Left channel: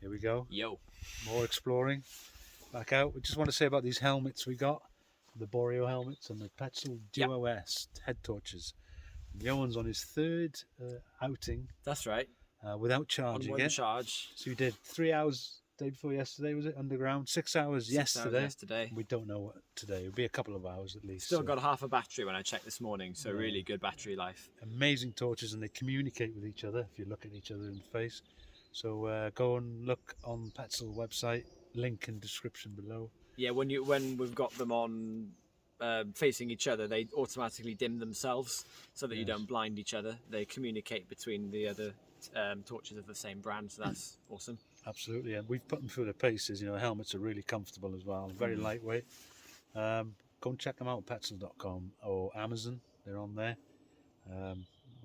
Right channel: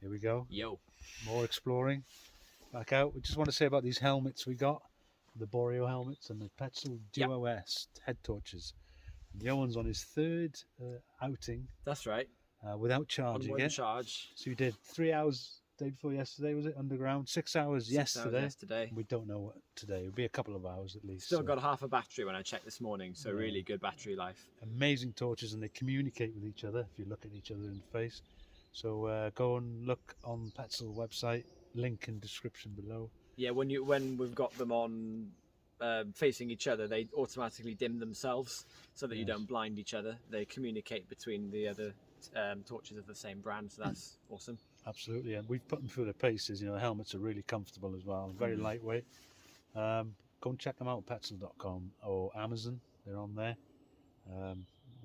Here we go. Yo. More exploring. Back out. We just want to say about these helmets we got. The Boreal helmets and the Petzl Duo S head torches. Johan's on his third outing. That's right. Without charging it. Charge. So we did 3 hours day before yesterday, was it? Underground. 6 hours 6 yesterday. hours yesterday. We don't know what today. It'll be a couple of hours at least. Still got half a battery when I checked this morning, so really good battery life. Amazing torches, and they communicate with each other if you look at each other in the face. So go and look on Petzl website, link in description below. Yeah, when we've got them on facing each other, they automatically dim themselves so that you don't blind each other. They communicate between the other torches of the same brand, so that's awesome. Absolutely, and we've put them through the paces. You know, the helmets are really comfortable as well, very lightweight. Go and check them out, petzl.com or Amazon. They're on there.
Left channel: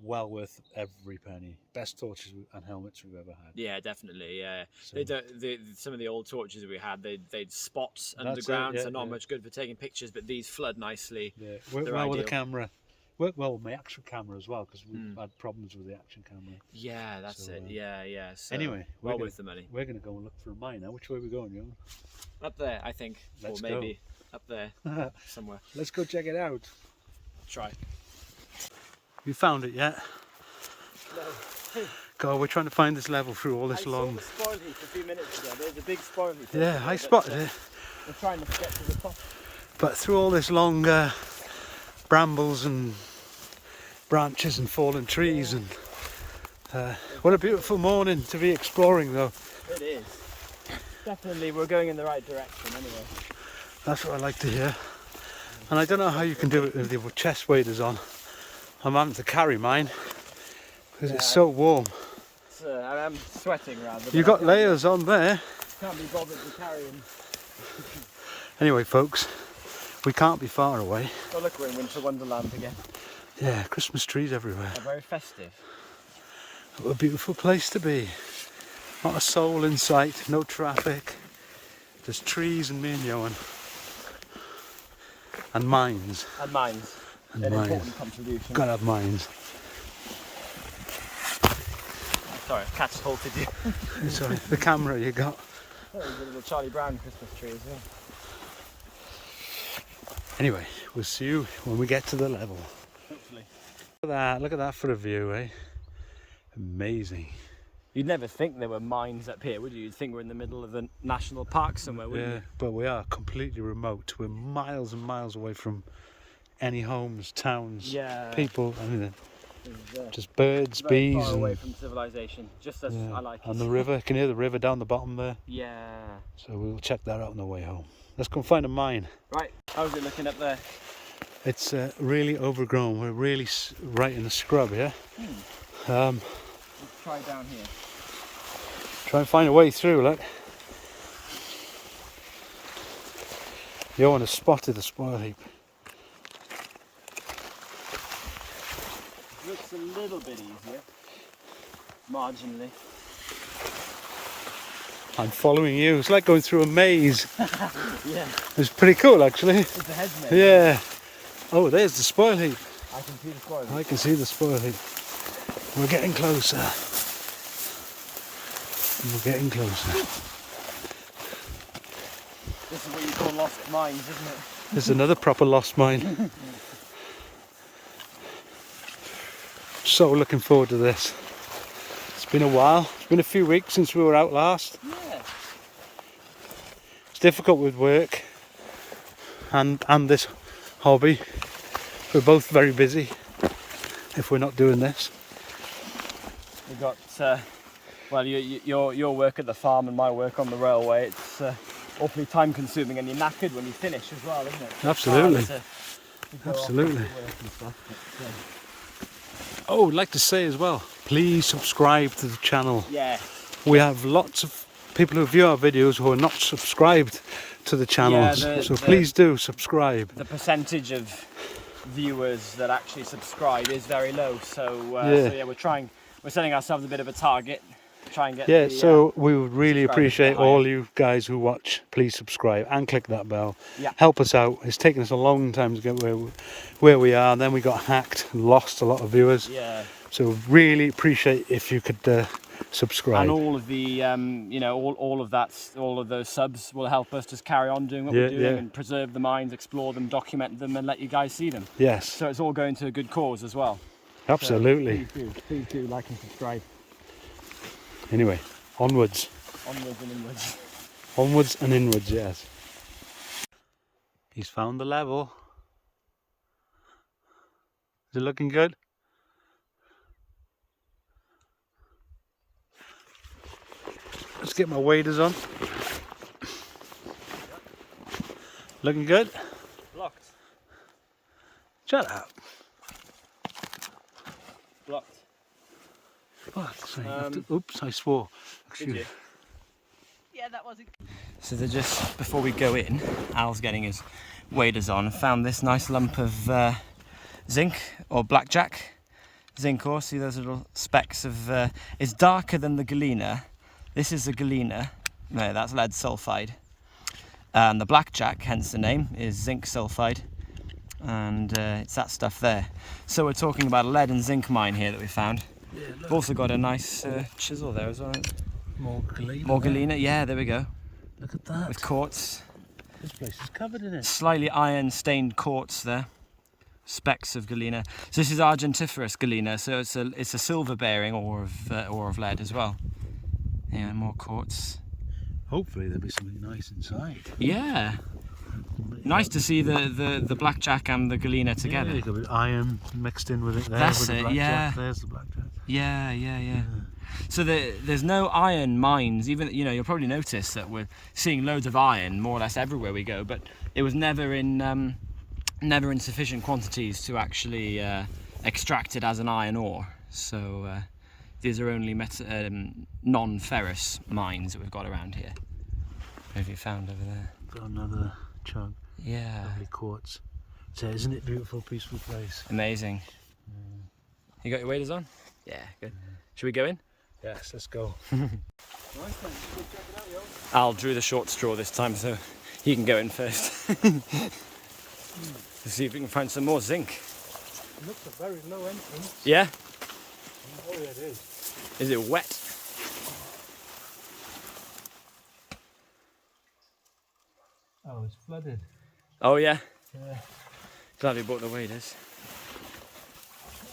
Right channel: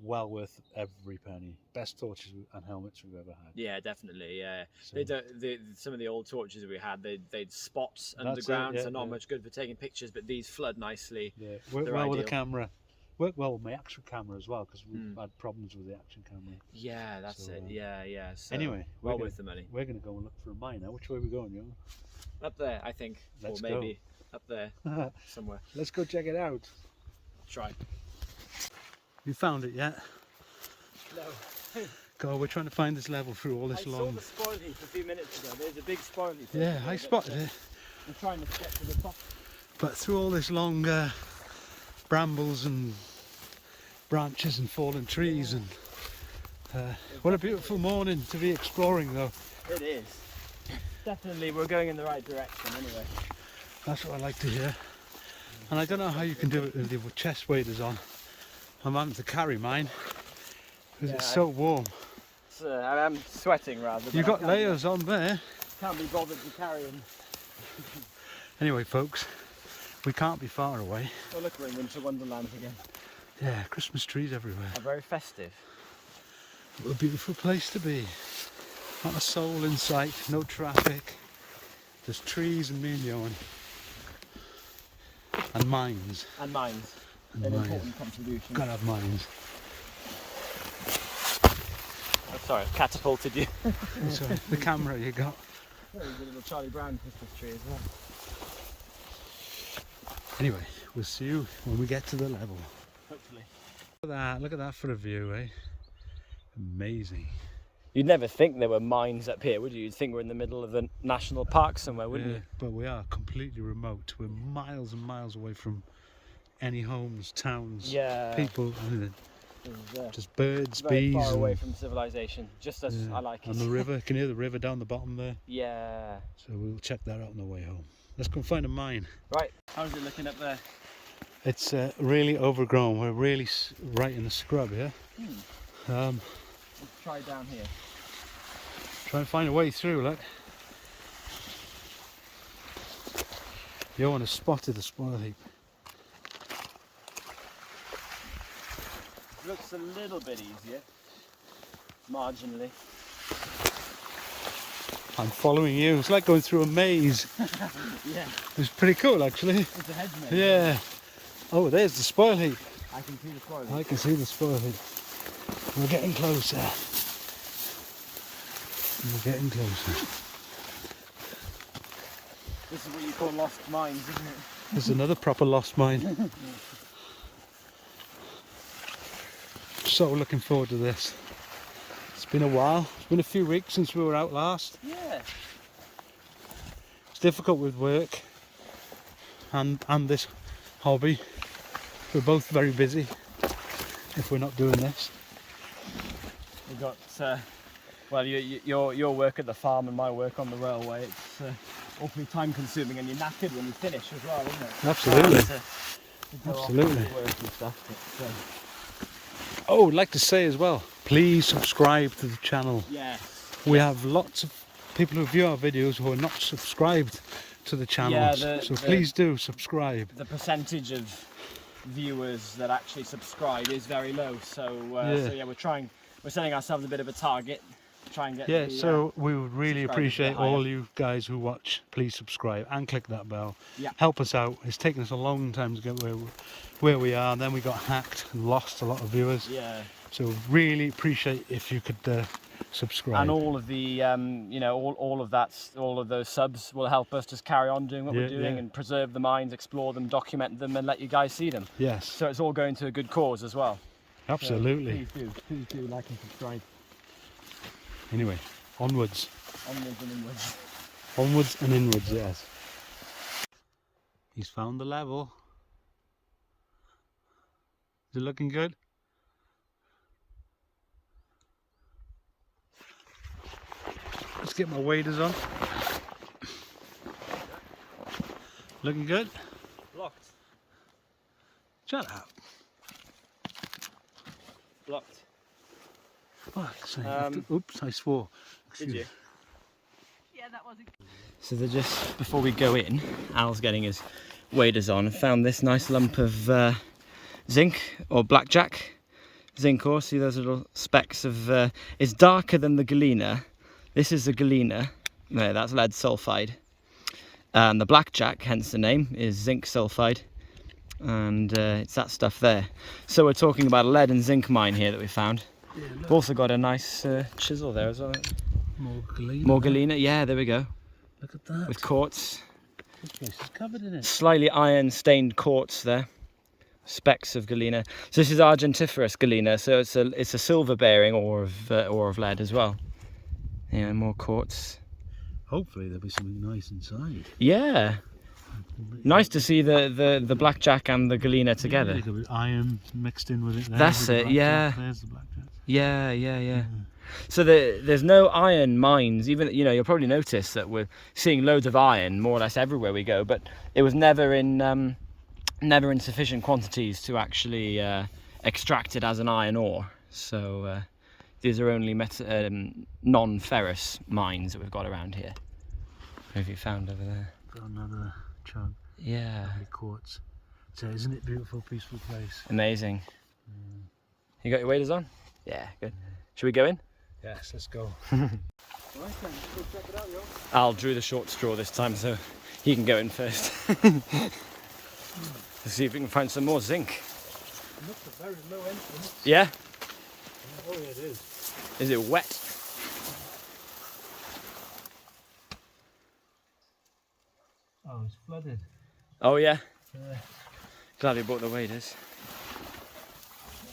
Well worth every penny. Best torches and helmets we've ever had. Yeah, definitely. Yeah, So, some of the old torches we had, they'd spots underground, so not much good for taking pictures. But these flood nicely. Yeah, work well with the camera. Work well with my action camera as well, because we've had problems with the action camera. Yeah, that's it. Yeah. So anyway, well worth the money. We're going to go and look for a mine now. Which way are we going, Johan? Up there, I think. Let's or maybe up there somewhere. Let's go check it out. Try. You found it yet? No. God, we're trying to find this level through all this I long. saw the spoil heap a few minutes ago. There's a big spoil heap. Yeah, I spotted it. We're trying to get to the top. But through all this long brambles and branches and fallen trees, and what a beautiful morning to be exploring, though. It is. Definitely, we're going in the right direction anyway. That's what I like to hear. And I don't know how you can do it with your chest waders on. I'm having to carry mine because it's so warm. I am sweating rather. You've got layers on there. Can't be bothered to carry them. Anyway, folks, we can't be far away. Oh look, we're in Winter Wonderland again. Yeah, Christmas trees everywhere. They're very festive. What a beautiful place to be. Not a soul in sight, no traffic. Just trees and me and Johan. And mines. And mines. And An mines. important contribution. Gotta have mines. Oh, sorry, it catapulted you. Sorry, the camera you got. Oh, there's a little Charlie Brown Christmas tree as well. Anyway, we'll see you when we get to the level. Hopefully. Look at that for a view, eh? Amazing. You'd never think there were mines up here, would you? You'd think we're in the middle of a national park somewhere, wouldn't you? But we are completely remote. We're miles and miles away from any homes, towns, people, anything. Just birds, Very bees, far away and from civilization, just as I like it. and the river. You can hear the river down the bottom there. Yeah. So we'll check that out on the way home. Let's go and find a mine. Right, how's it looking up there? It's really overgrown. We're really right in the scrub here. Let's try down here. Try and find a way through, look. Johan has spotted a spoil heap. Looks a little bit easier, marginally. I'm following you. It's like going through a maze. Yeah. It's pretty cool, actually. It's the head maze. Yeah. Oh, there's the spoil heap. I can see the spoil. I can see the spoil heap. We're getting closer. We're getting closer. This is what you call lost mines, isn't it? There's another proper lost mine. So looking forward to this. It's been a while. It's been a few weeks since we were out last. Yeah. It's difficult with work and this hobby. We're both very busy if we're not doing this. We've got, well, your work at the farm and my work on the railway. It's awfully time consuming, and you're knackered when you finish as well, isn't it? Absolutely. To go Absolutely. off to work and stuff. But, Oh, I'd like to say as well, please subscribe to the channel. yeah. We have lots of people who view our videos who are not subscribed to the channels. So please do subscribe. The percentage of viewers that actually subscribe is very low. So, we're setting ourselves a bit of a target. Try and get so we would really subscribers appreciate higher. all you guys who watch. Please subscribe and click that bell. Yeah. Help us out. It's taken us a long time to get where we are, and then we got hacked and lost a lot of viewers. Yeah. So really appreciate if you could subscribe. And all of the, you know, all of that, all of those subs will help us just carry on doing what we're doing and preserve the mines, explore them, document them, and let you guys see them. Yes. So it's all going to a good cause as well. Absolutely. So please do like and subscribe. Anyway, onwards. Onwards and inwards. Onwards and inwards, yes. He's found the level. Is it looking good? Let's get my waders on. Looking good? Blocked. Shut up. Blocked. Fuck's sake. Oops, I swore. Did you? Yeah, that wasn't. So they're just, before we go in, Al's getting his waders on, found this nice lump of zinc or blackjack. Zinc ore, see those little specks of, it's darker than the galena. This is the galena, no, that's lead sulfide. And the blackjack, hence the name, is zinc sulfide. And it's that stuff there. So we're talking about a lead and zinc mine here that we found. Yeah, we've also got a nice chisel there as well. More galena. More galena, yeah, there we go. Look at that. With quartz. This place is covered in it. Slightly iron stained quartz there. Specks of galena. So this is argentiferous galena, so it's a silver bearing ore of lead as well. Yeah, more quartz. Hopefully there'll be something nice inside. Yeah. Nice to see the blackjack and the galena together. Yeah, got iron mixed in with it there. That's with it, yeah. There's the blackjack. Yeah. So there's no iron mines. Even, you know, you'll probably notice that we're seeing loads of iron more or less everywhere we go, but it was never in sufficient quantities to actually extract it as an iron ore. So these are only non-ferrous mines that we've got around here. What have you found over there? Got another chunk. Yeah. Quartz. So isn't it a beautiful, peaceful place? Amazing. You got your waders on? Yeah, good. Should we go in? Yes, let's go. Al drew the short straw this time, so he can go in first. Let's see if we can find some more zinc. Looks a very low entrance. Yeah? Oh yeah, it is. Is it wet? Oh, it's flooded. Oh yeah? Yeah. Glad we bought the waders.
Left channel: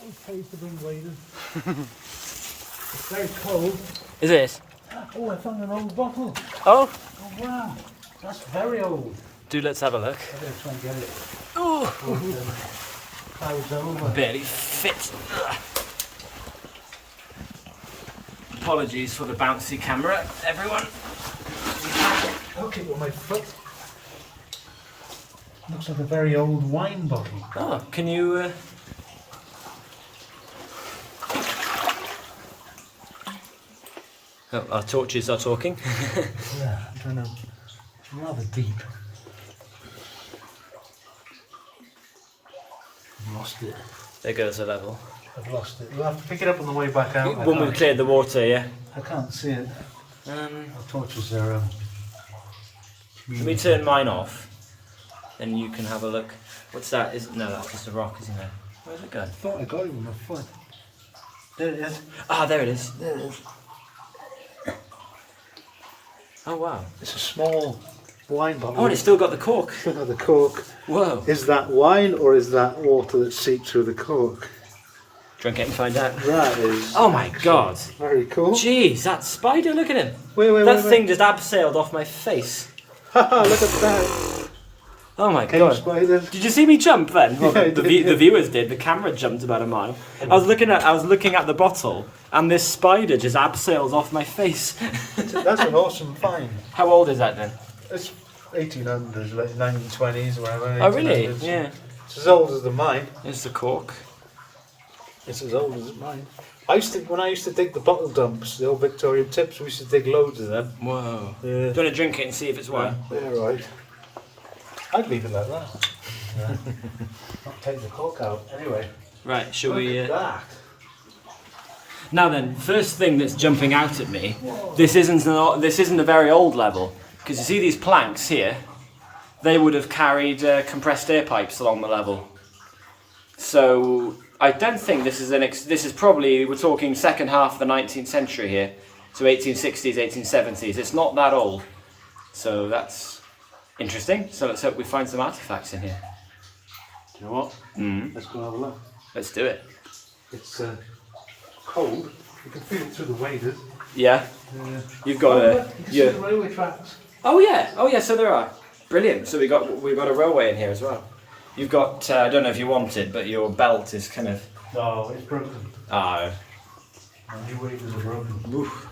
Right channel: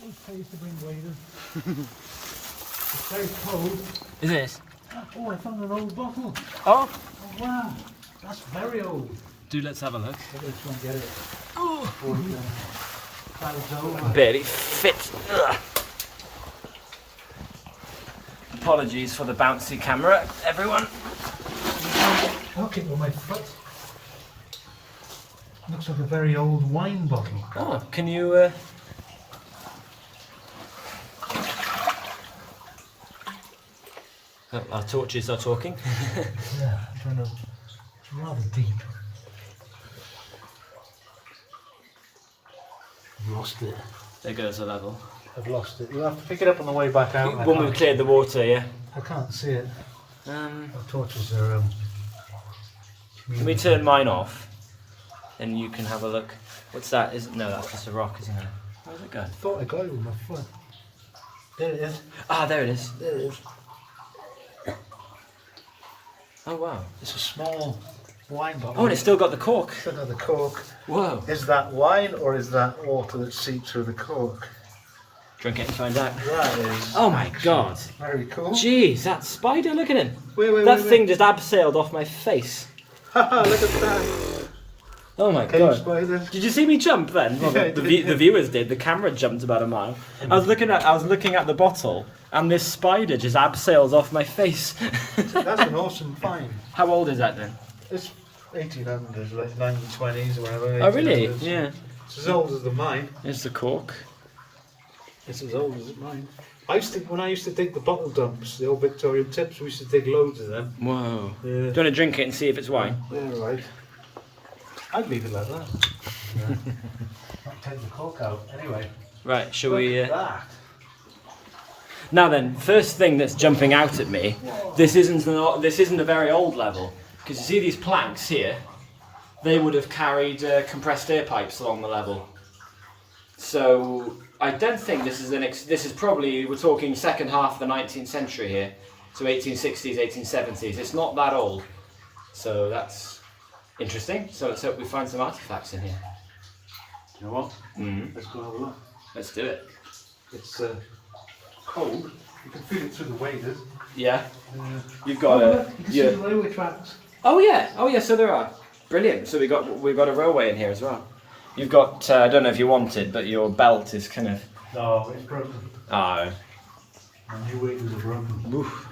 It pays to bring waders. It's very cold. Is it? Oh, I found an old bottle. Oh! Oh wow, that's very old. Let's have a look. I'm going to try and get it. Oh! Clouds over. Barely fits. Ugh. Apologies for the bouncy camera, everyone. I'll keep on my foot. Looks like a very old wine bottle. Oh, can you... Oh, our torches are talking. Yeah, I don't know. It's rather deep. I've lost it. There goes a level. I've lost it. You'll have to pick it up on the way back out. When we've cleared the water, yeah. I can't see it. Our torches are. Let me turn mine off, and you can have a look. What's that? No, that's just a rock, isn't it? Where's it going? I thought I got it with my foot. There it is. Ah, there it is. There it is. Oh wow. It's a small wine bottle. Oh, and it's still got the cork. Still got the cork. Whoa. Is that wine or is that water that seeped through the cork? Drink it and find out. That is. Oh my god. Very cool. Jeez, that spider, look at him. That thing just abseiled off my face. Haha, look at that. Oh my Cave god. spiders. Did you see me jump then? Well, Yeah, the viewers did. The camera jumped about a mile. I was looking at the bottle, and this spider just abseils off my face. That's an awesome find. How old is that then? It's 1800s, like 1920s, whatever. Oh really? 1800s. Yeah. It's as old as the mine. There's the cork. It's as old as mine. When I used to dig the bottle dumps, the old Victorian tips, we used to dig loads of them. Whoa. Yeah. Do you want to drink it and see if it's wine? Yeah, right. I'd leave it like that. Yeah. Not take the cork out. Anyway. Right, shall we... Look at that. Now then, first thing that's jumping out at me, this isn't a very old level, because you see these planks here, they would have carried compressed air pipes along the level. So I don't think this is this is probably, we're talking second half of the 19th century here, so 1860s, 1870s. It's not that old, so that's interesting. So let's hope we find some artifacts in here. You know what? Let's go have a look. Let's do it. It's cold. You can feel it through the waders. Yeah. You've got a. You can see the railway tracks. Oh yeah. Oh yeah. So there are. Brilliant. So we've got a railway in here as well. You've got. I don't know if you want it, but your belt is kind of. No, it's broken. Ah. My new waders are broken. Oof.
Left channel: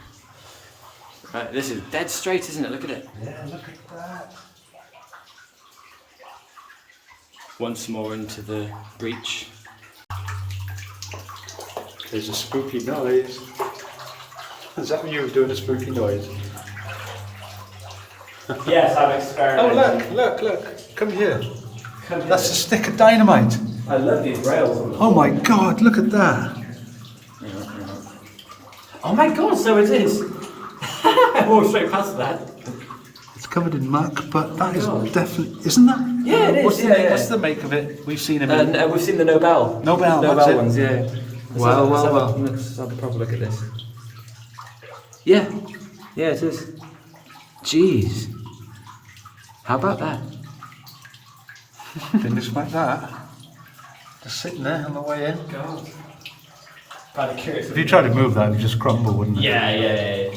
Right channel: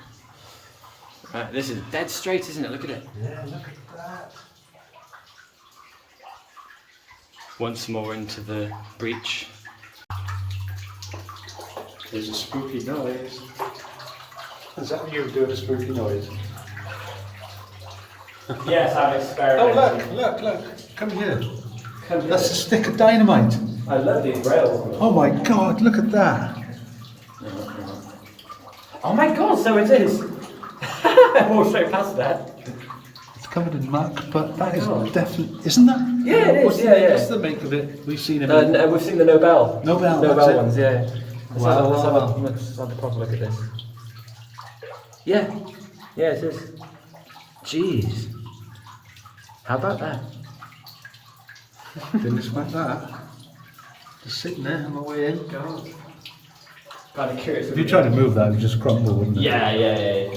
Right. This is dead straight, isn't it? Look at it. Yeah, look at that. Once more into the breach. There's a spooky noise. Is that you doing a spooky noise? Yes, I'm experimenting. Oh look! Come here. That's a stick of dynamite. I love these rails. Oh my God! Look at that. Oh my God! So it is. I walked straight past that. It's covered in muck, but that is definitely, isn't that? Yeah, it is. What's the make of it? We've seen them. We've seen the Nobel. Nobel ones, yeah. Well. Let's have a proper look at this. Yeah, it is. Jeez. How about that? Didn't expect that. Just sitting there on the way in. God. Kind of curious. If you tried to move that, it would just crumble, wouldn't it? Yeah.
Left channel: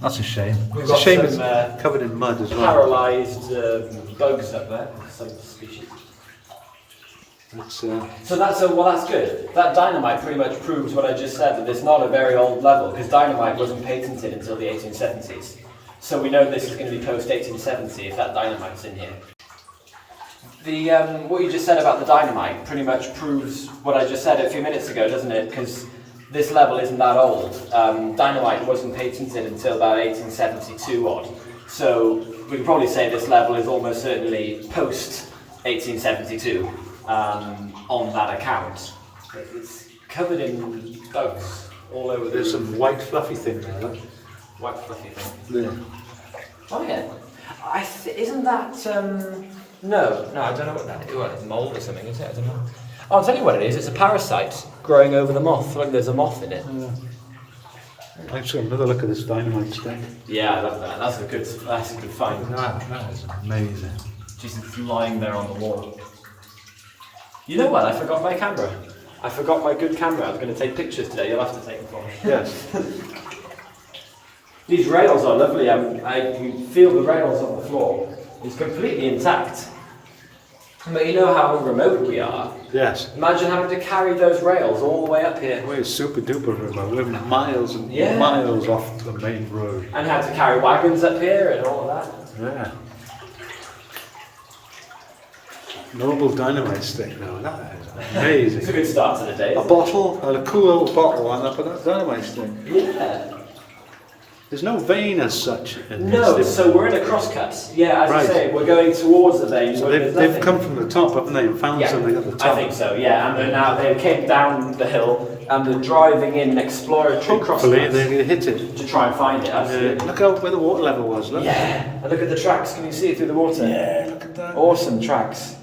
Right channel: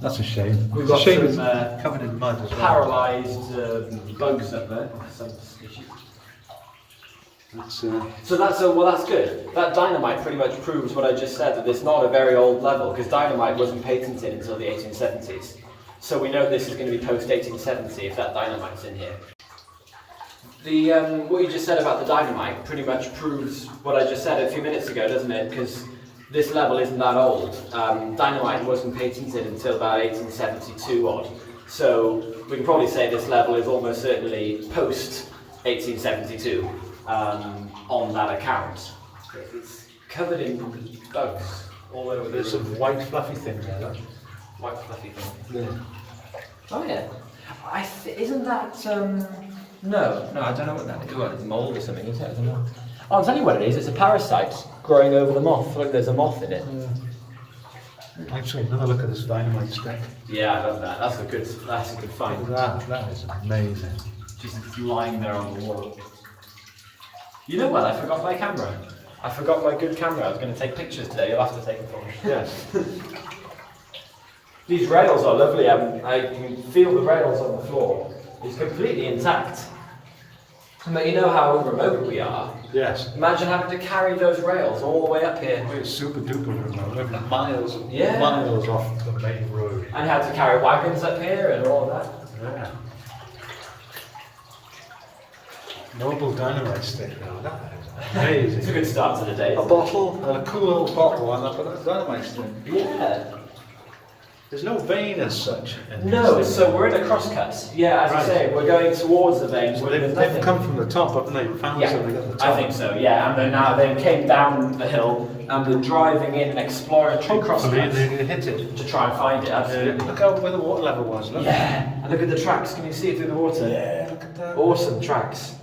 That's a shame. It's a shame it's covered in mud as well. Paralysed bugs up there. Some species. So that's good. That dynamite pretty much proves what I just said, that it's not a very old level, because dynamite wasn't patented until the 1870s. So we know this is going to be post 1870 if that dynamite's in here. The what you just said about the dynamite pretty much proves what I just said a few minutes ago, doesn't it? Because this level isn't that old. Dynamite wasn't patented until about 1872 odd. So we can probably say this level is almost certainly post 1872 on that account. It's covered in bugs all over. There's some white fluffy thing there. Look. White fluffy thing. There. Oh yeah. Isn't that no, I don't know what that is. Well, it's mold or something, isn't it? I don't know. Oh, I'll tell you what it is. It's a parasite growing over the moth. Look, there's a moth in it. I've got another look at this dynamite stick. Yeah, I love that. That's a good find. Look at that. That is amazing. Just lying there on the wall. You know what? I forgot my camera. I forgot my good camera. I was going to take pictures today. You'll have to take them for me. Yes. These rails are lovely. I feel the rails on the floor. It's completely intact. But you know how remote we are. Yes. Imagine having to carry those rails all the way up here. We're super duper remote. We're miles and Yeah. miles off the main road. And had to carry wagons up here and all that. Yeah. Noble dynamite stick now. That is amazing. It's a good start to the day. A bottle, and a cool old bottle, and a dynamite stick. Yeah. There's no vein as such. In No, this so we're in a crosscut. Yeah, as Right. you say, we're going towards the vein. thing. So where there's they've nothing. come from the top, haven't they? And found Yeah, something at the top. I think so, yeah. And then now they came down the hill and they're driving in an exploratory Hopefully crosscut they hit it. to try and find it. Absolutely. Look out where the water level was. Look. Yeah, and look at the tracks. Can you see it through the water? Yeah, look at that. Awesome tracks.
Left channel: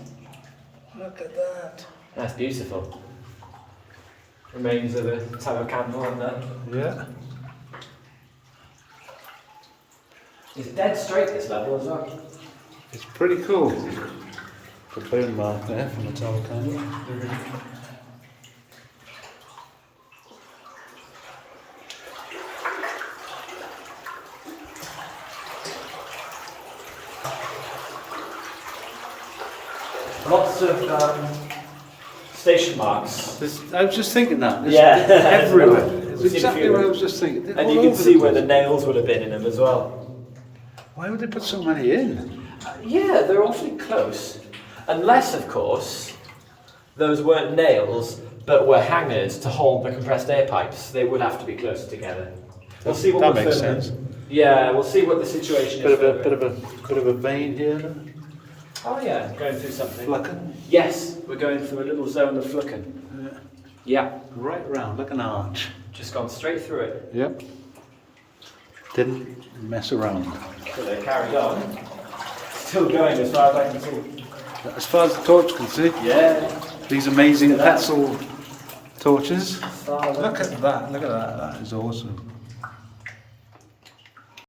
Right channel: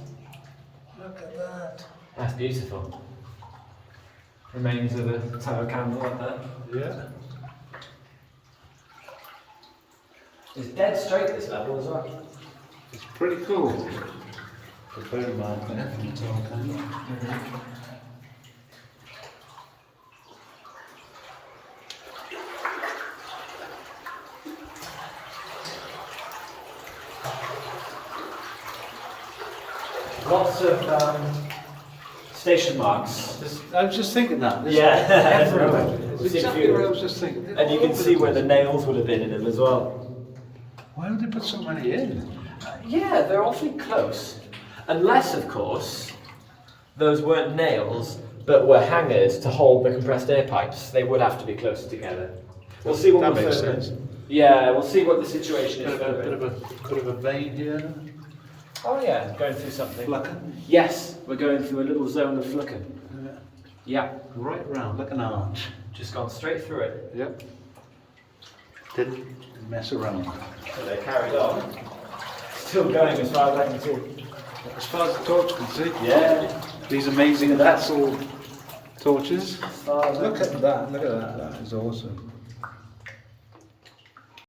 Look at that. That's beautiful. Remains of a tallow candle up there. Yeah. It's dead straight this level as well. It's pretty cool. The vein mark there from the top of the candle. Lots of station marks. I was just thinking that. There's Yeah. everywhere. We've It's seen a exactly few. what I was just thinking. They're And you all can over see the where the place. nails would have been in them as well. Why would they put so many in? Yeah, they're awfully close. Unless, of course, those weren't nails, but were hangers to hold the compressed air pipes. They would have to be closer together. We'll see what That we're makes further- sense. Yeah, we'll see what the situation Bit is. of a vein here. Then. Oh yeah, going through something. Flucking. Yes, we're going through a little zone of flucking. Yeah, Right round, like an arch. just gone straight through it. Yep. Didn't mess around. So they carried on. Still going as far as I can see. As far as the torch can see, Yeah. these amazing Look at that. pencil torches. Look at that! Look at that! That is awesome.